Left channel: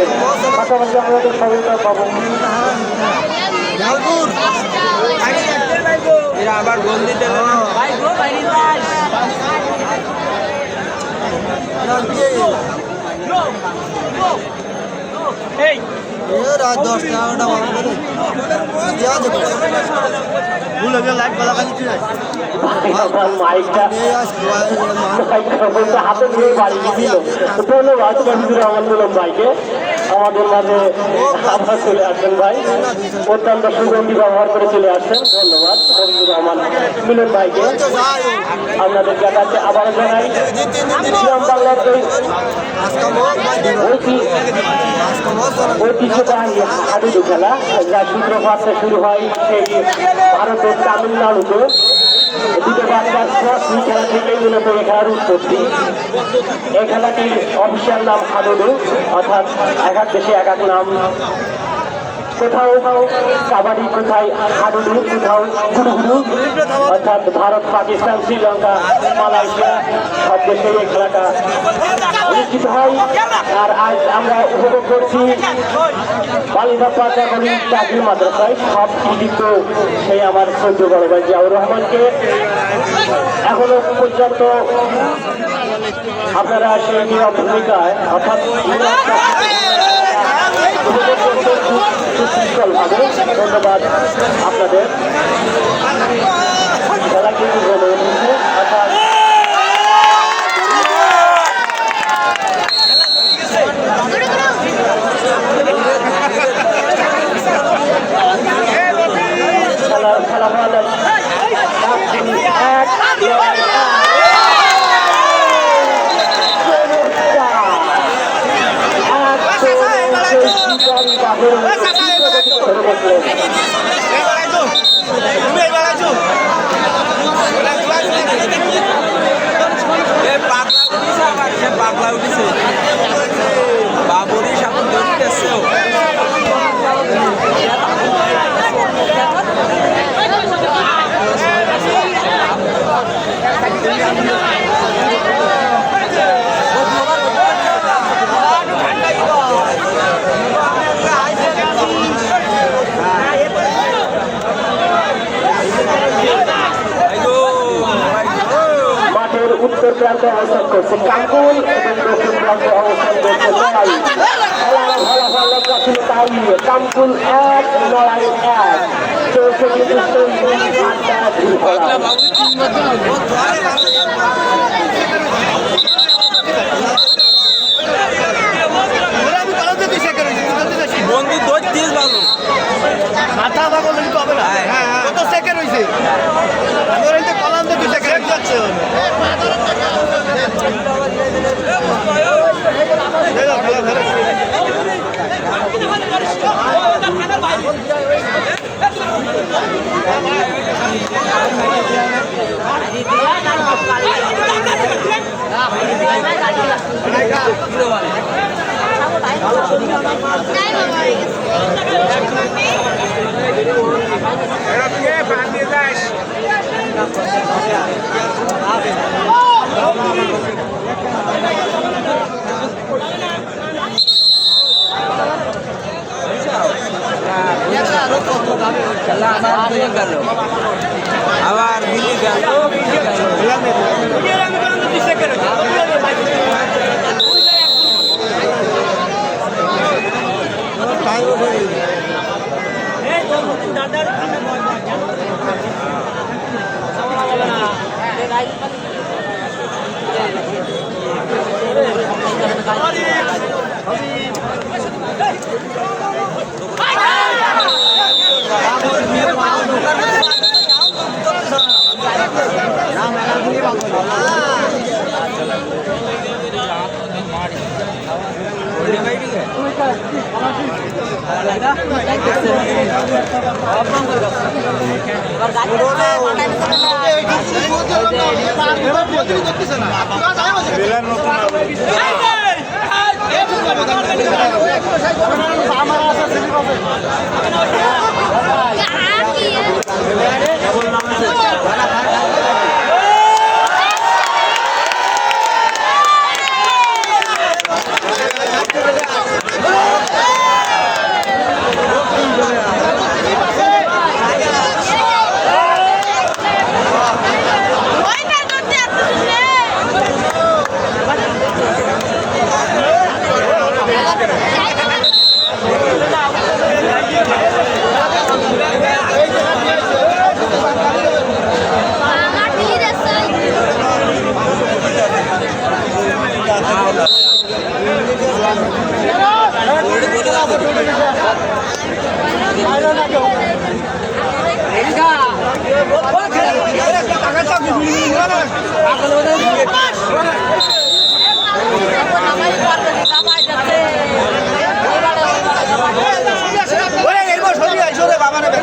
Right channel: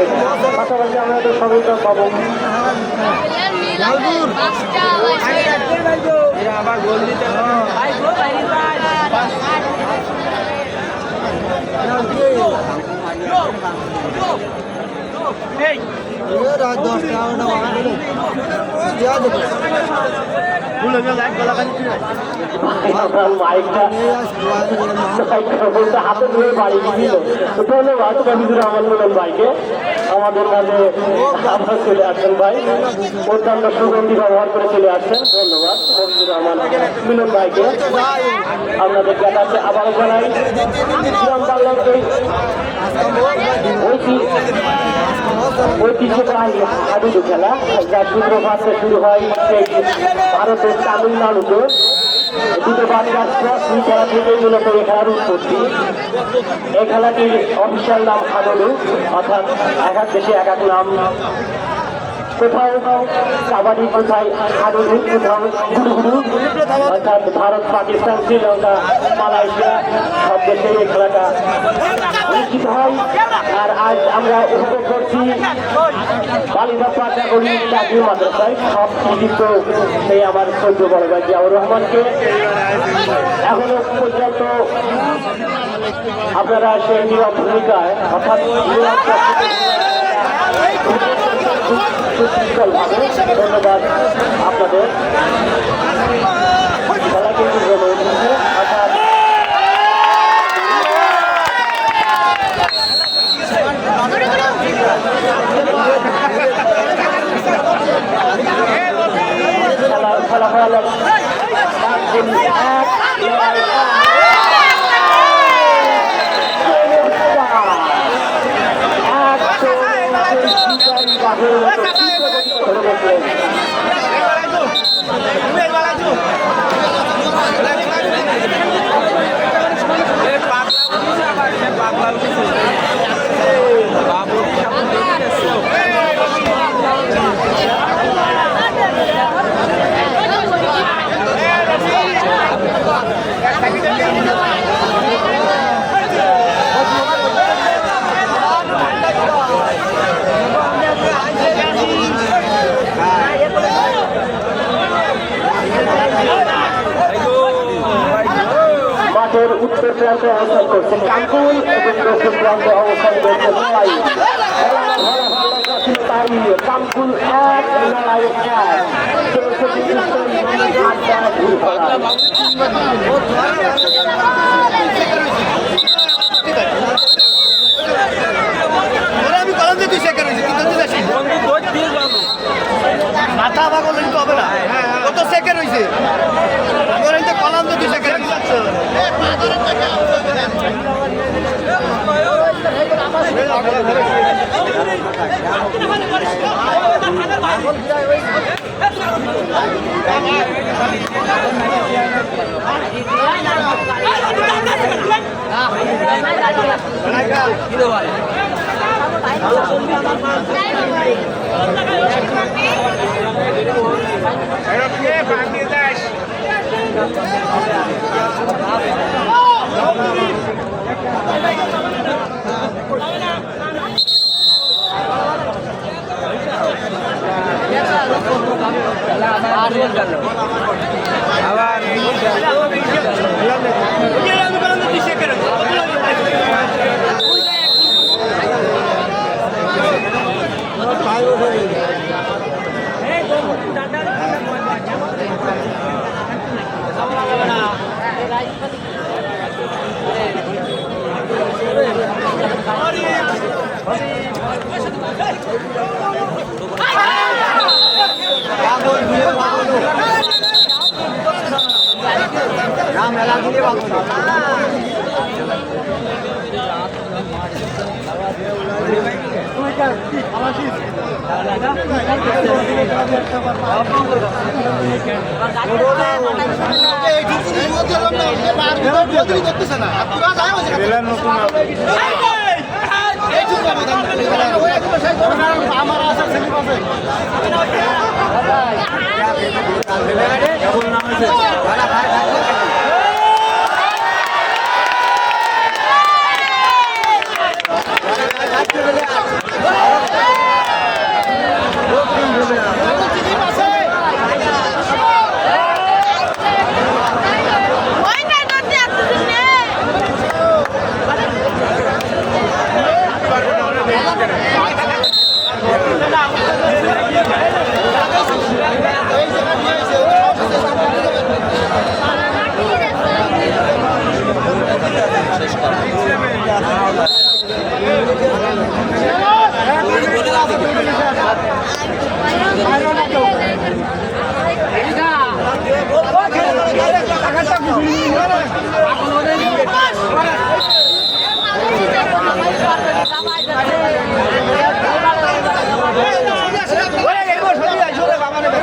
থাকবে পাশাপাশি আমাদের সবাইকে পাবো আবার গোল দিতে রাত 10টা 11টা নিয়ে আসবো আমাদের মাঝে চলে আসেন ভাই অত্যন্ত সুগন্ধি ব্যবহার করে চলে আসেন ধন্যবাদ রহমান মিলন ভাইকে আপনাদের কাছে আবার জানাই ঐতিহ্যবাহী খেলা যা দুটো বাচ্চা শুরু হয় ভারতের তামিলনাড়ুতে দুটো বাচ্চা এই খেলা থেকে মূলত এই খেলার উৎপত্তি এই খেলাটির অফিসিয়াল নাম হাডুডু অর্থাৎ এক এক দেশে এক এক নাম কোথাও কাবাডি কোথায় হাডুডু কোথাও হুড়ুহুড়ু অর্থাৎ ভারত পাকিস্তান শ্রীলঙ্কা মালয়েশিয়া সব দেশের এই খেলাটা অনুষ্ঠিত হয় আর আজ আমরা উপভোগ করছি সেই আমার সহ্য বড় ভাই জিয়াউর রহমানকে এখনো পর্যন্ত আপনারা সেই নিরব ভূমিকায় ধন্যবাদ আপনাদের খেলাকে পাগলা উঠেছে বাবুরি সাপোর্ট দেখতেছে কাকুল এবং দক্ষিণ প্রান্তে অবস্থান করছে কাকুল 1 মাথা ভাগো বলি হবে না কত সেকেন্ড হইছে কলাম তো 2 সেকেন্ড যাচ্ছে আবার বেলার নতুন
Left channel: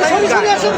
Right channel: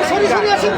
সরি সরি আসুন